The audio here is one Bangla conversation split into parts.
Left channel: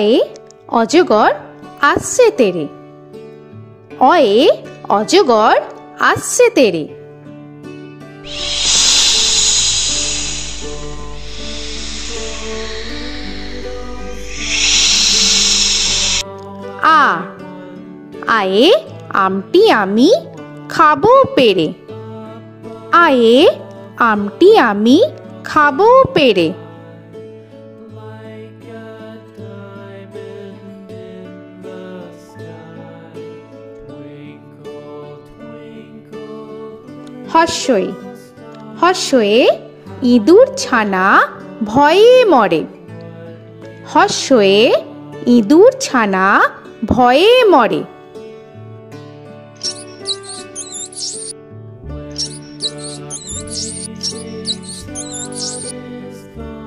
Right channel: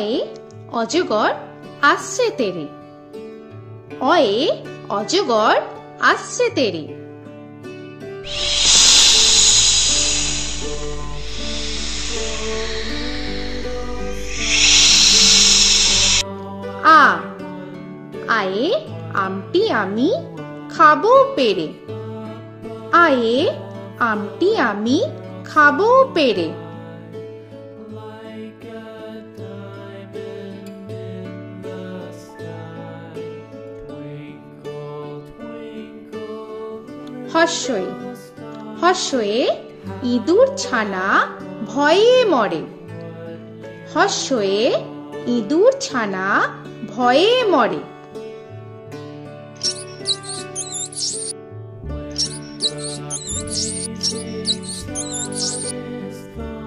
অয়ে অজগর আসছে তেরে। অয়ে অজগর আসছে তেরে। আ আয়ে আমটি আমি খাবো পেরে। আয়ে আমটি আমি খাবো পেরে। হর্ষই হর্ষয়ে ইঁদুর ছানা ভয়ে মরে। হর্ষয়ে ইঁদুর ছানা ভয়ে মরে।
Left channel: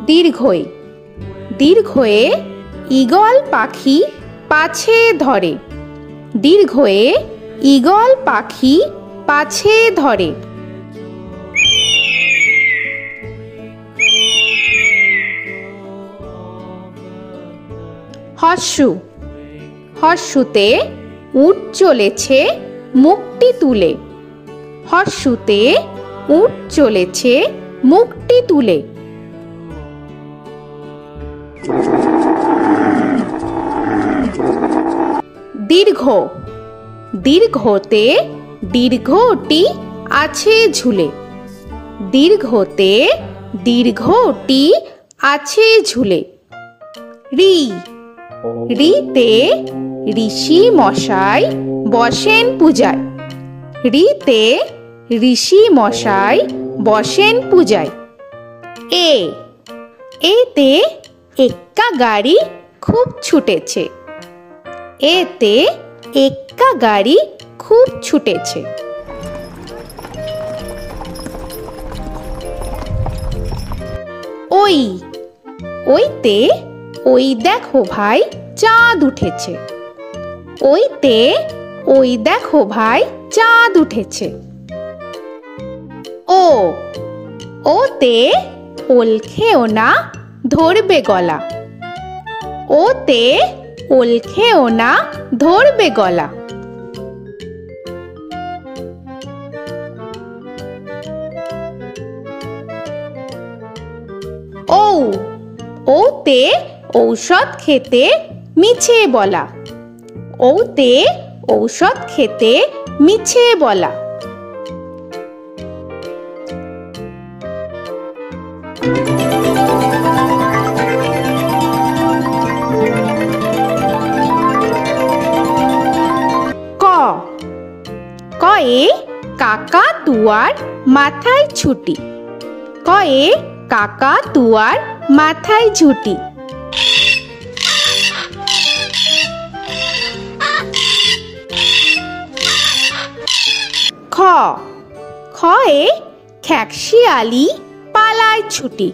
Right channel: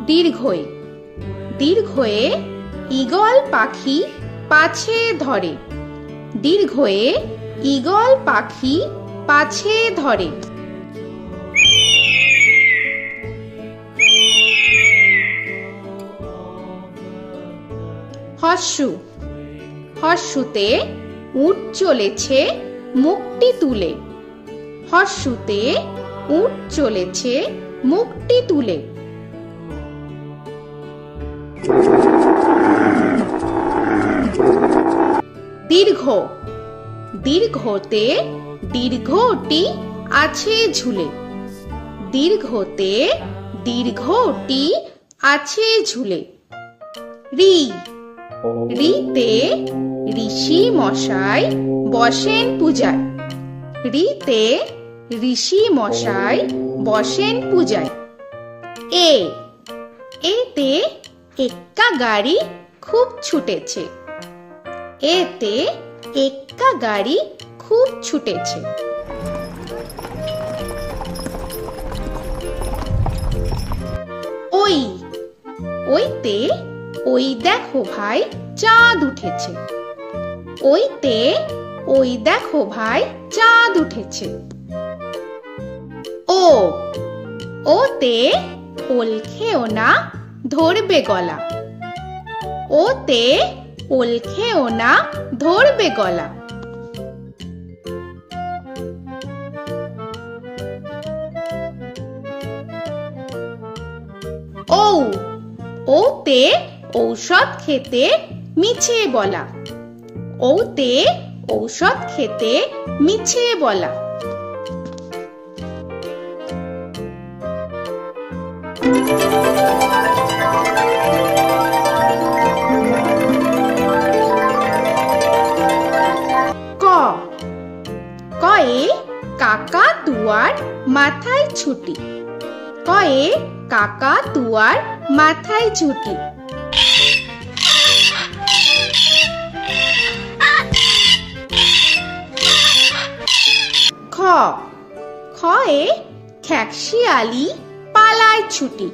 দীর্ঘই দীর্ঘয়ে ঈগল পাখি পাছে ধরে। দীর্ঘয়ে ঈগল পাখি পাছে ধরে। হর্ষু হর্ষুতে উট চলেছে মুখটি তুলে। হর্ষুতে উট চলেছে মুখটি তুলে। দীর্ঘ দীর্ঘতে দীর্ঘটি আছে ঝুলে। দীর্ঘতে দীর্ঘটি আছে ঝুলে। রি রিতে ঋষি মশাই বসেন পূজায়। রিতে ঋষি মশাই বসেন পূজায়। এ এতে এক্কা গাড়ি খুব ছুটেছে। এতে এক্কা গাড়ি খুব ছুটেছে। ওই ওইতে ওই দেখো ভাই চাঁদ উঠেছে। ওইতে ওই দেখো ভাই চাঁদ উঠেছে। ও ওতে ওল খেও না ধরবে গলা। ওতে ওল খেও না ধরবে গলা। ও ওতে ঔষধ খেতে মিছে বলা। ওতে ঔষধ খেতে মিছে বলা। ক কয়ে কাকা তুয়ার মাথায় ছুটি। কয়ে কাকা তুয়ার মাথায় ঝুটি। খ খয়ে খ্যাকশিয়ালি পালায় ছুটি।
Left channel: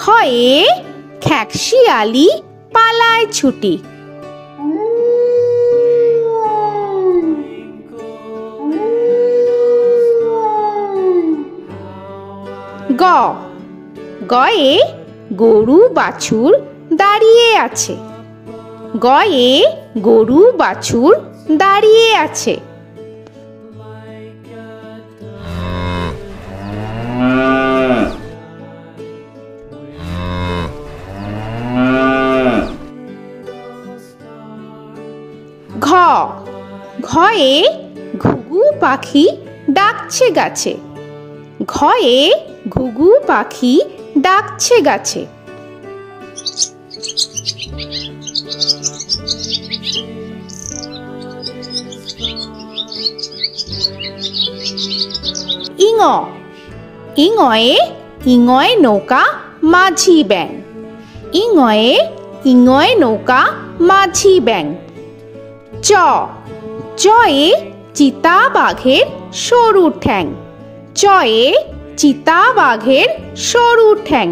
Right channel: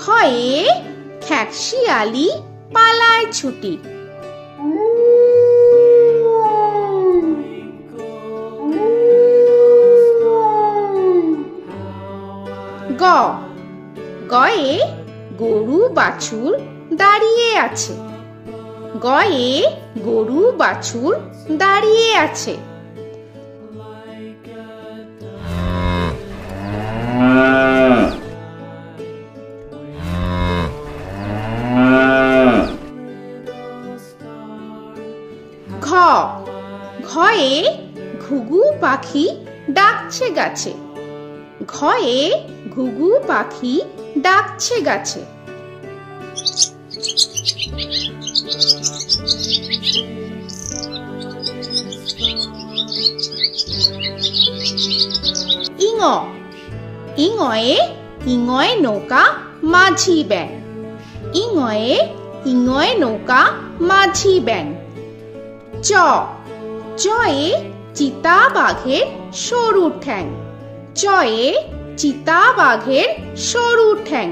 খয়ে খ্যাকশিয়ালি পালায় ছুটি। গ গয়ে গরু বাছুর দাঁড়িয়ে আছে। গয়ে গরু বাছুর দাঁড়িয়ে আছে। ঘ ঘয়ে ঘুঘু পাখি ডাকছে গাছে। ঘয়ে ঘুঘু পাখি ডাকছে গাছে। ইঙ ইঙয়ে ইঙয়ে নৌকা মাঝি ব্যাং। ইঙয়ে ইঙয়ে নৌকা মাঝি ব্যাং। চ চয়ে চিতা বাঘের সরু ঠ্যাং। চয়ে চিতা বাঘের সরু ঠ্যাং।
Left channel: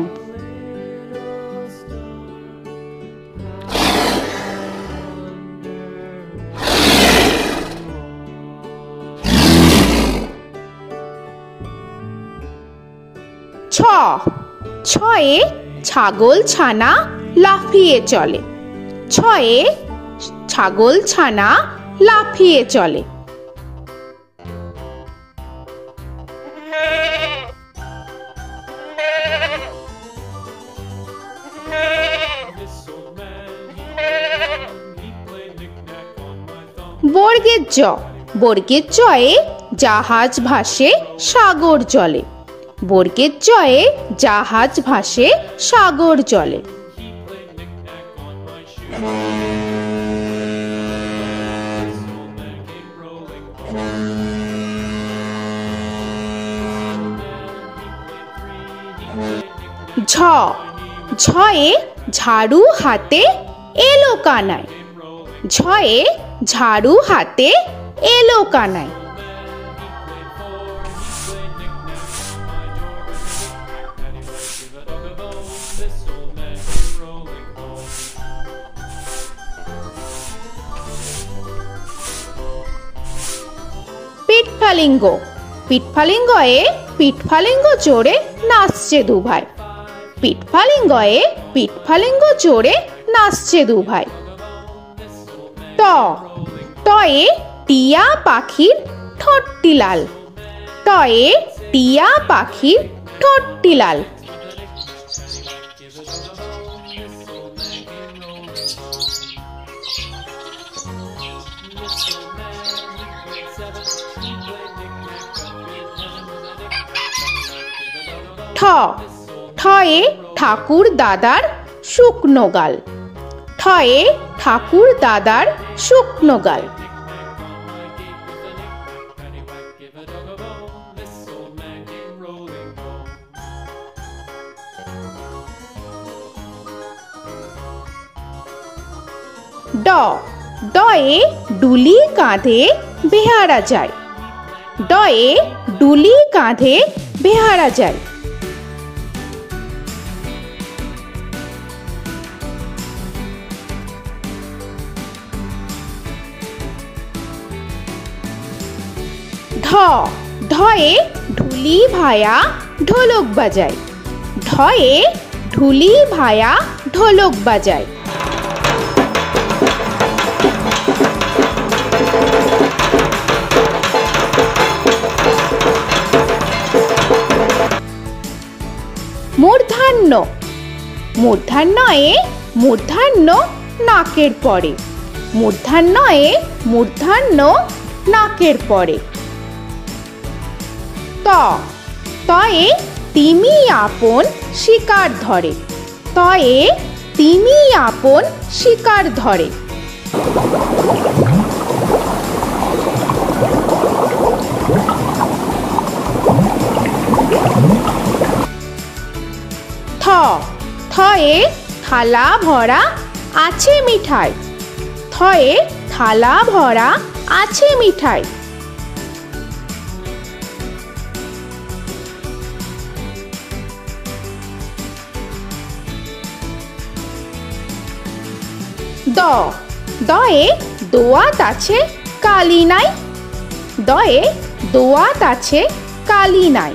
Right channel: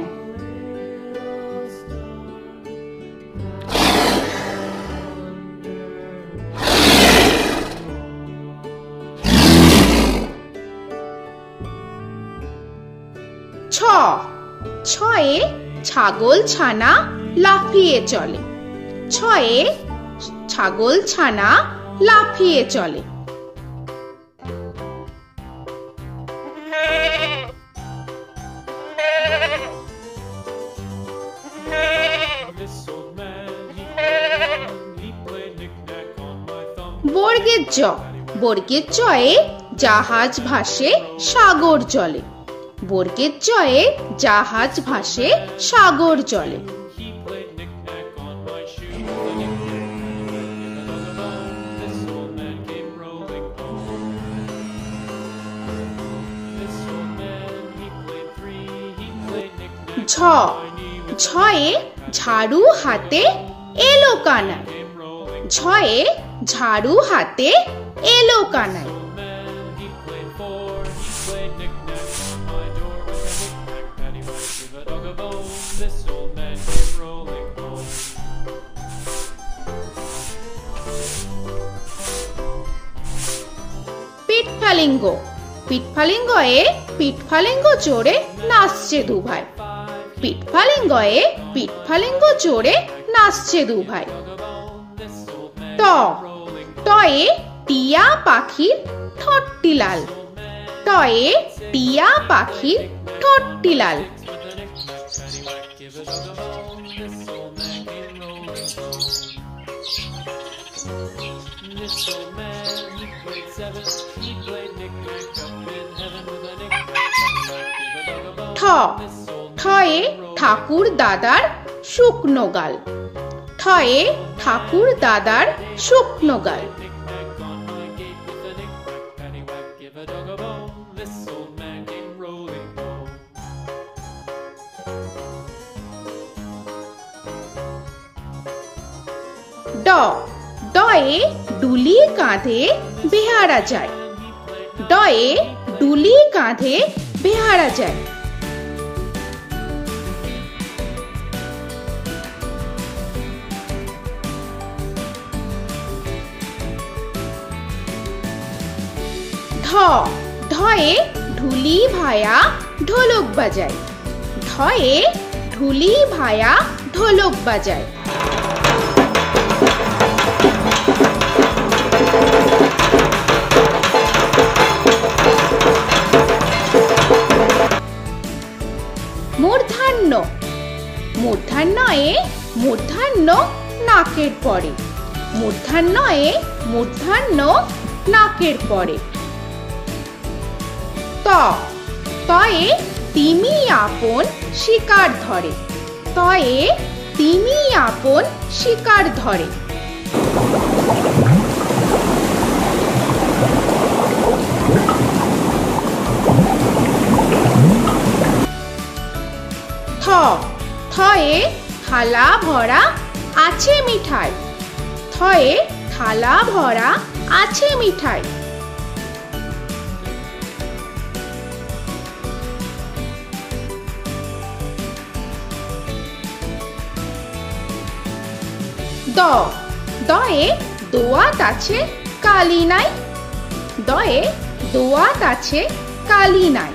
ছ ছয়ে ছাগল ছানা লাফিয়ে চলে। ছ ছয়ে ছাগল ছানা লাফিয়ে চলে। বর্গের জ, বর্গের জয়ে জাহাজ ভাসে সাগর জলে। বর্গের জয়ে জাহাজ ভাসে সাগর জলে। ঝ, ঝয়ে ঝাড়ু হাতে এলো কানাই। ঝয়ে ঝাড়ু হাতে এলো কানাই। পিঠফালিঙ্গ, পিঠফালিঙ্গয়ে পিঠফালিঙ্গ চড়ে নাচছে দুভাই। পিঠফালিঙ্গয়ে পিঠফালিঙ্গ চড়ে নাচছে দুভাই। ট, টয়ে টিয়া পাখির ঠোঁটটি লাল। টয়ে টিয়া পাখির ঠোঁটটি লাল। ঠ, ঠয়ে ঠাকুর দাদার শুকনো গাল। ঠয়ে ঠাকুর দাদার শুকনো গাল। ড, ডয়ে ডুলি কাঁধে বেহারা যায়। ডয়ে ডুলি কাঁধে বেহারা যায়। ঢ, ঢয়ে ঢুলি ভায়া ঢোলক বাজায়। ঢয়ে ঢুলি ভায়া ঢোলক বাজায়। মূর্ধন্য, মূর্ধন্যয়ে মূর্ধন্য নাকের পরে। মূর্ধন্যয়ে মূর্ধন্য নাকের পরে। ত, তয়ে তিমি আপন শিকার ধরে। তয়ে তিমি আপন শিকার ধরে। থ, থয়ে থালা ভরা আছে মিঠাই। থয়ে থালা ভরা আছে মিঠাই। দ, দয়ে দোয়াত আছে কালি নাই। দয়ে দোয়াত আছে কালি নাই।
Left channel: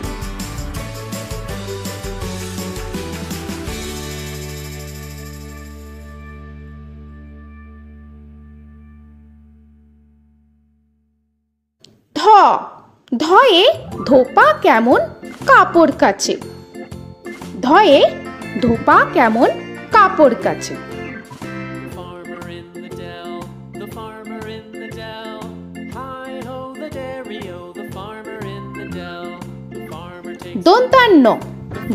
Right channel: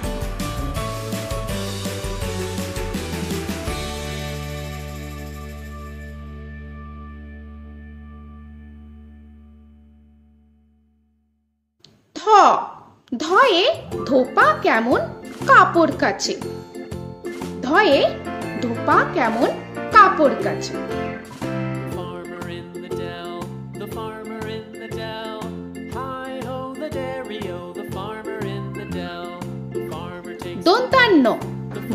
ধ, ধয়ে ধোপা কেমন কাপড় কাচে। ধয়ে ধোপা কেমন কাপড় কাচে। দন্তান্ন,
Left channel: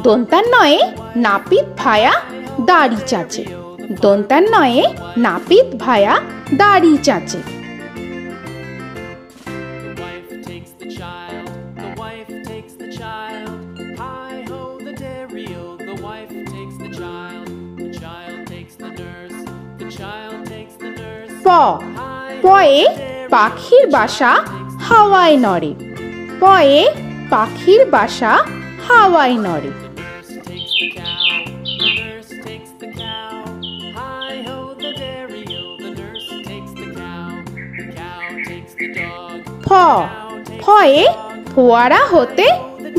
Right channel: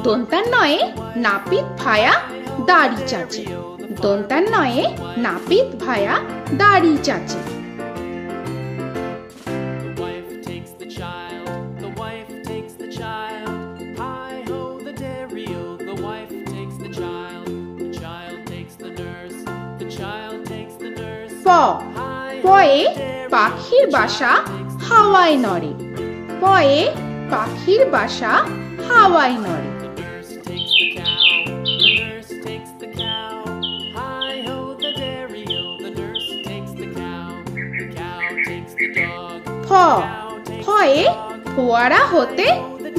দন্তান্নয়ে নাপিত ভায়া দাড়ি চাচে। দন্তান্নয়ে নাপিত ভায়া দাড়ি চাচে। প, পয়ে পাখির বাসা হাওয়ায় নড়ে। পয়ে পাখির বাসা হাওয়ায় নড়ে। ফ, ফয়ে ফোয়ারা হতে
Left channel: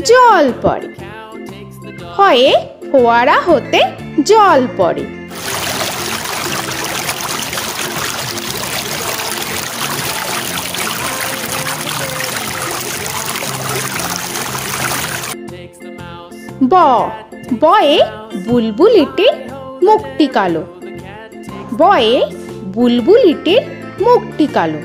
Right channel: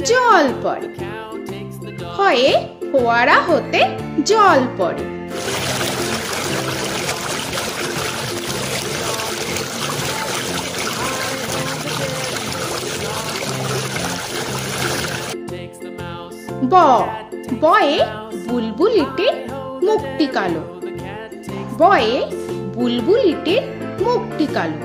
জল পড়ে। ফয়ে ফোয়ারা হতে জল পড়ে। ব বয়ে বুলবুলিটির মুখটি কালো। বয়ে বুলবুলিটির মুখটি কালো।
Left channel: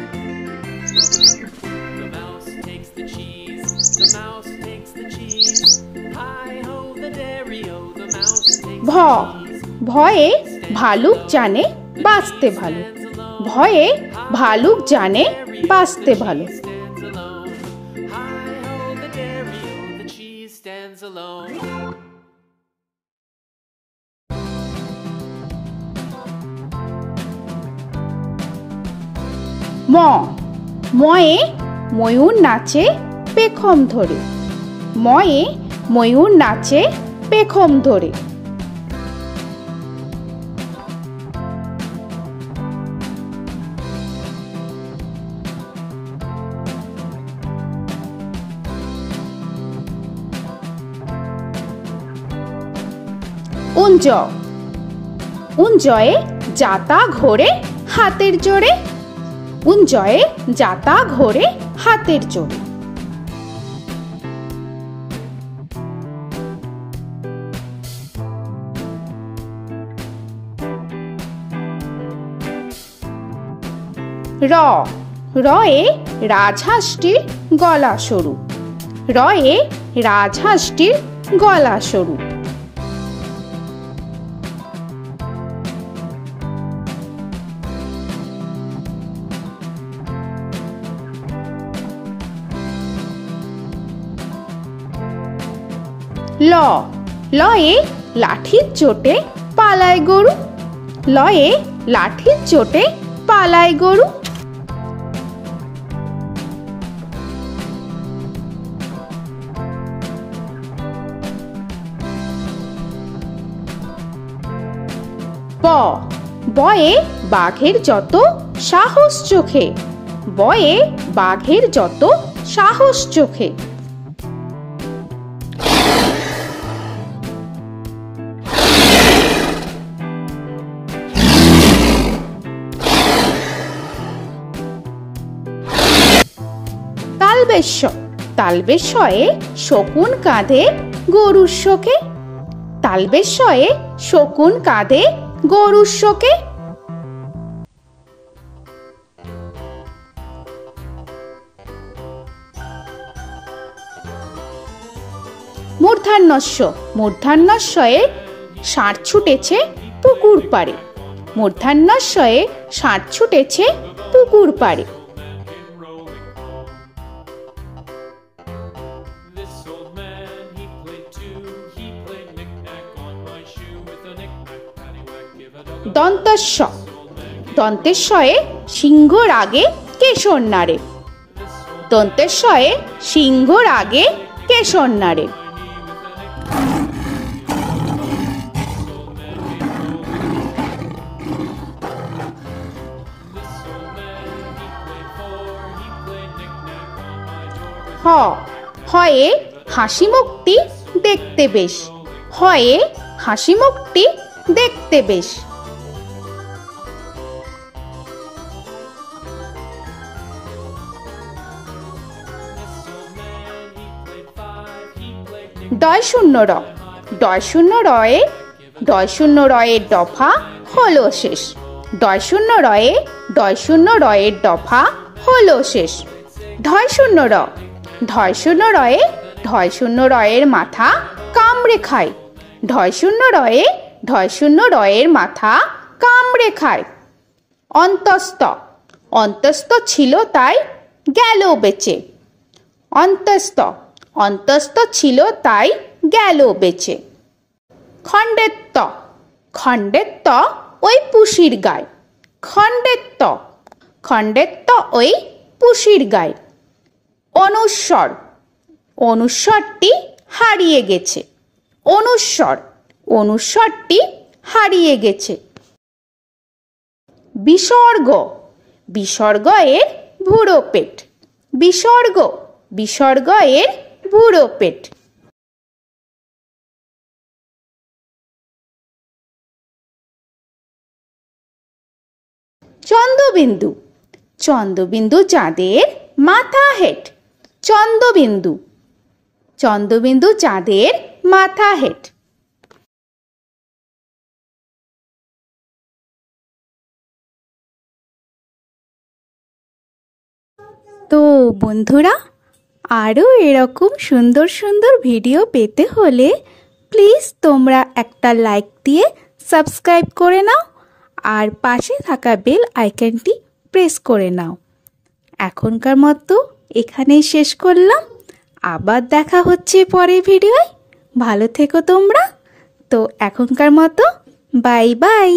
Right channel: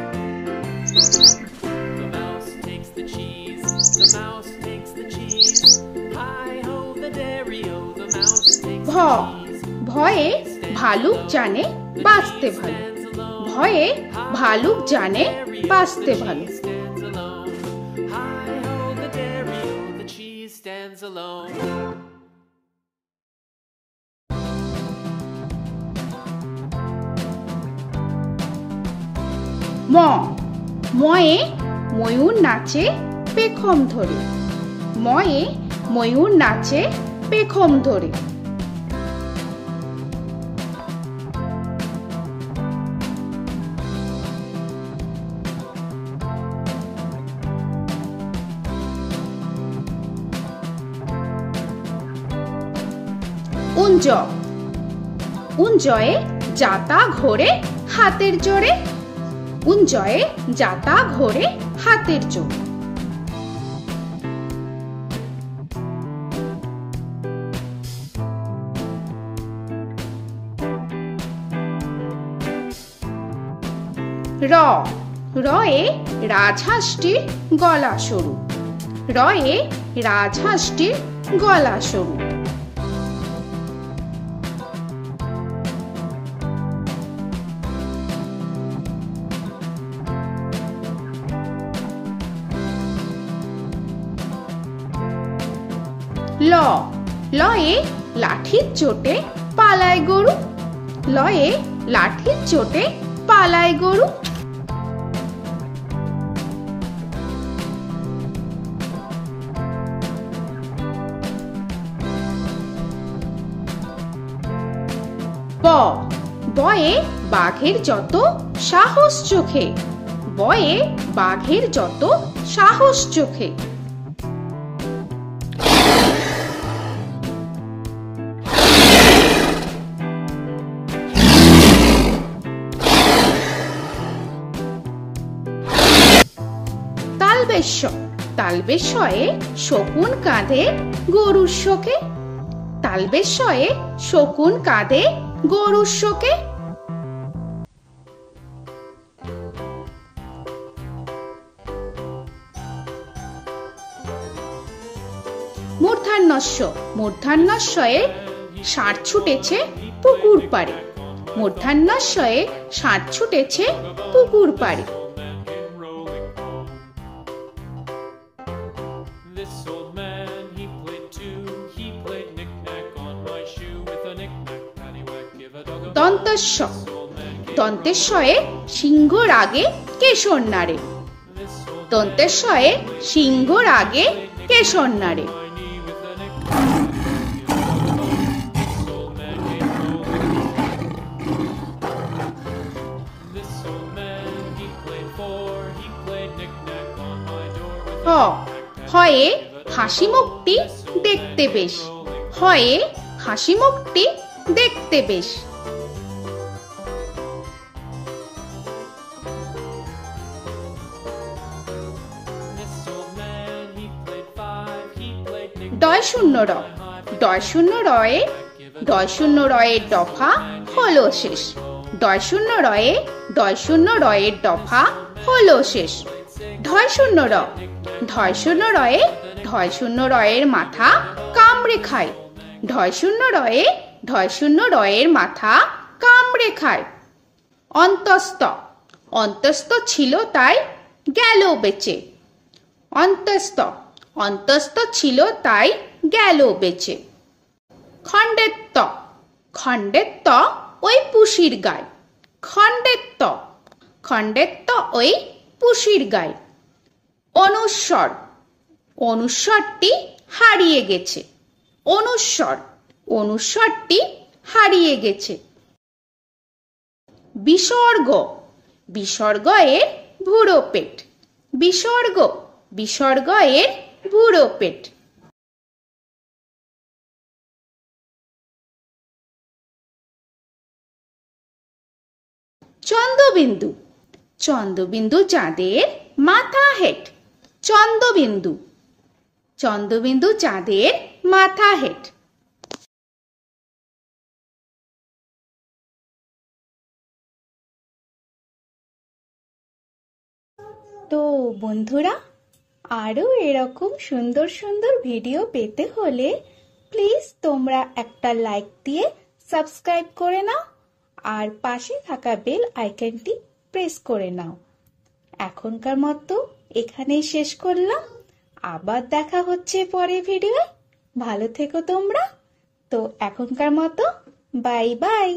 ভ ভয়ে ভালুক জানে বাঁচতে ভালো। ভয়ে ভালুক জানে বাঁচতে ভালো। ম ময়ে ময়ূর নাচে পেখম ধরে। ময়ে ময়ূর নাচে পেখম ধরে। উঞ্জ উঞ্জয়ে যাতা ঘোরে হাতের জোরে। উঞ্জয়ে যাতা ঘোরে হাতের জোরে। র রয়ে রাজহাঁসটির গলা সরু। রয়ে রাজহাঁসটির গলা সরু। ল লয়ে লাঠির চোটে পালায় গরু। লয়ে লাঠির চোটে পালায় গরু। ব বয়ে বাঘের যত সাহস চোখে। বয়ে বাঘের যত সাহস চোখে। তালবেশ্য তালবেশ্যয়ে শকুন কাঁধে গরুর শোকে। তালবেশ্যয়ে শকুন কাঁধে গরুর শোকে। মূর্ধন্যস্য মূর্ধন্যস্বয়ে ষাঁড় ছুটেছে পুকুর পাড়ে। মূর্ধন্যস্বয়ে ষাঁড় ছুটেছে পুকুর পাড়ে। দন্তস্ব দন্তেশ্বয়ে সিংহর আগে কেশর নাড়ে। দন্তেশ্বয়ে সিংহর আগে কেশর নাড়ে। হ হয়ে হাসি মুখটি দেখতে বেশ। হয়ে হাসি মুখটি দেখতে বেশ। ডয় শূন্য র ডয় শূন্য রয়ে ডয় শূন্য রয়ের দফা হলো শেষ। ডয় শূন্য রয়ের দফা হলো শেষ। ঢয় শূন্য র ঢয় শূন্য রয়ের মাথা কামড়ে খায়। ঢয় শূন্য রয়ের মাথা কামড়ে খায়। অন্তস্ত অন্তস্ত ছিল তাই গেল বেঁচে। অন্তস্ত ছিল তাই গেল বেঁচে। খণ্ডেত্ব খণ্ডেত্ব ওই পুষির গায়। খণ্ডেত্ব ওই পুষির গায়। অনুস্বর অনুস্বরটি হারিয়ে গেছে। অনুস্বরটি হারিয়ে গেছে। বিসর্গ বিসর্গ এর ভুরো পেট। বিসর্গ এর ভুরো পেট। চন্দ্রবিন্দু চন্দ্রবিন্দু চাঁদের মাথা হেট। চন্দ্রবিন্দু চাঁদের মাথা হেট। তো বন্ধুরা, আরও এরকম সুন্দর সুন্দর ভিডিও পেতে হলে প্লিজ তোমরা একটা লাইক দিয়ে সাবস্ক্রাইব করে নাও আর পাশে থাকা বেল আইকনটি প্রেস করে নাও। এখনকার মতো এখানেই শেষ করলাম, আবার দেখা হচ্ছে পরের ভিডিওয়। ভালো থেকো তোমরা। তো এখনকার মতো বাই বাই।